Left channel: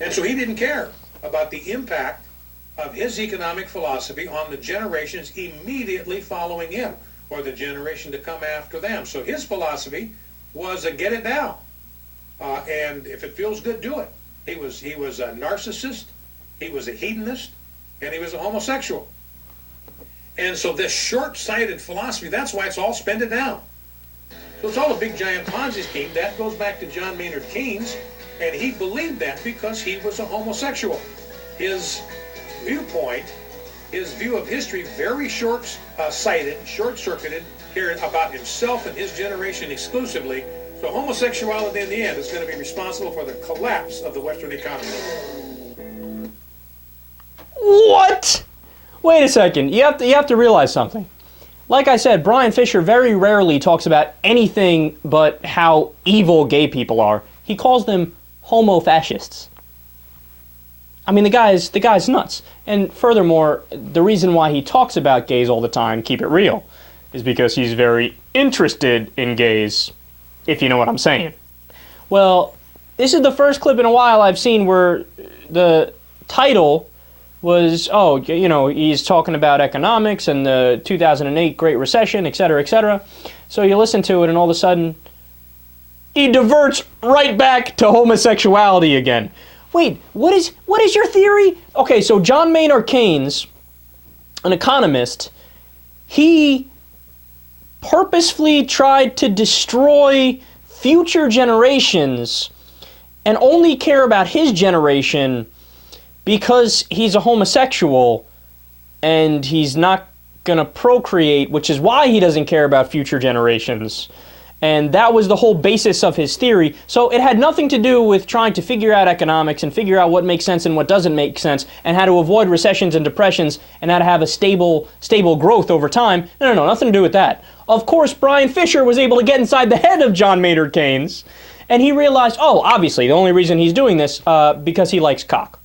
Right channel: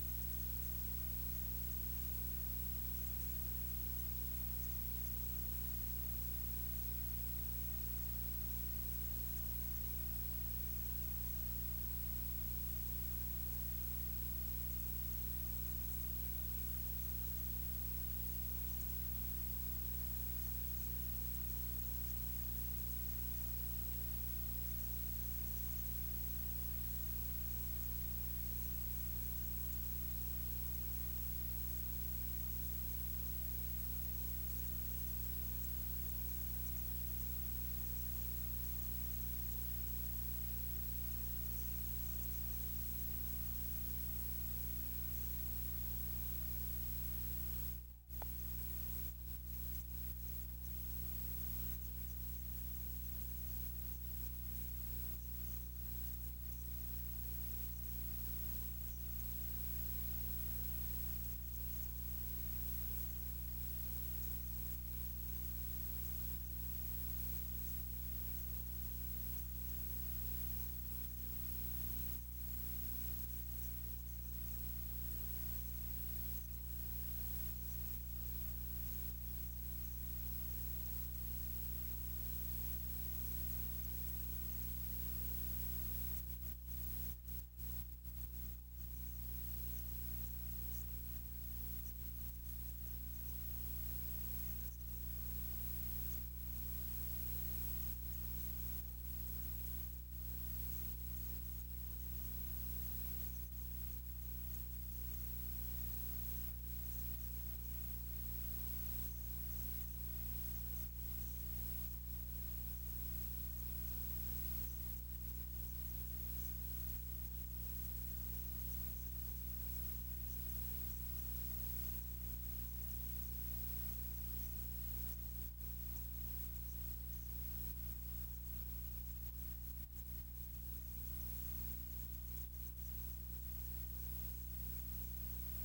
And so he didn't care about the impact of his economic philosophy on the generations immediately following him, or the generation to come after them. So his philosophy was get it down, and if it feels good, do it. He was a narcissist, he was a hedonist, and he was a homosexual. And so this short-sighted philosophy, that's why it's all spend it down. So it's all a big giant Ponzi scheme. That goes back to John Maynard Keynes, and he believed that because he was a homosexual. His viewpoint, his view of history, very short-sighted, short-circuited, cared about himself and his generation exclusively. So homosexuality in the end is going to be responsible for the collapse of the Western economy. What? Wait a second. You have to realize something. Like I said, Bryan Fischer very rarely talks about anything but how evil gay people are. He calls them homo-fascists. I mean, the guy's nuts. And furthermore, the reason why he talks about gays all the time, keep it real, is because he's very interested in gays, if you know what I'm saying. Well, this is the first clip in a while I've seen where the title was, oh, you know, he's talking about economics and the 2008 Great Recession, et cetera, et cetera. So you listen to it and all of a sudden, he diverts right back to homosexuality again. Wait, what is your theory? Okay, so John Maynard Keynes, an economist, he purposefully tried to destroy future generations and only care about his generation because he's a homosexual and he's not going to procreate, which is why he doesn't care about future generations. And that was the whole basis of his theory. So it had nothing to do with trying to figure out economics and figure out what makes sense and what doesn't make sense and how to avoid recessions and depressions and how to have a stable growth over time. No, nothing to do with that. Of course, Bryan Fischer was able to get inside the head of John Maynard Keynes, and he realized, oh, obviously, the only reason he's doing this because he likes cock.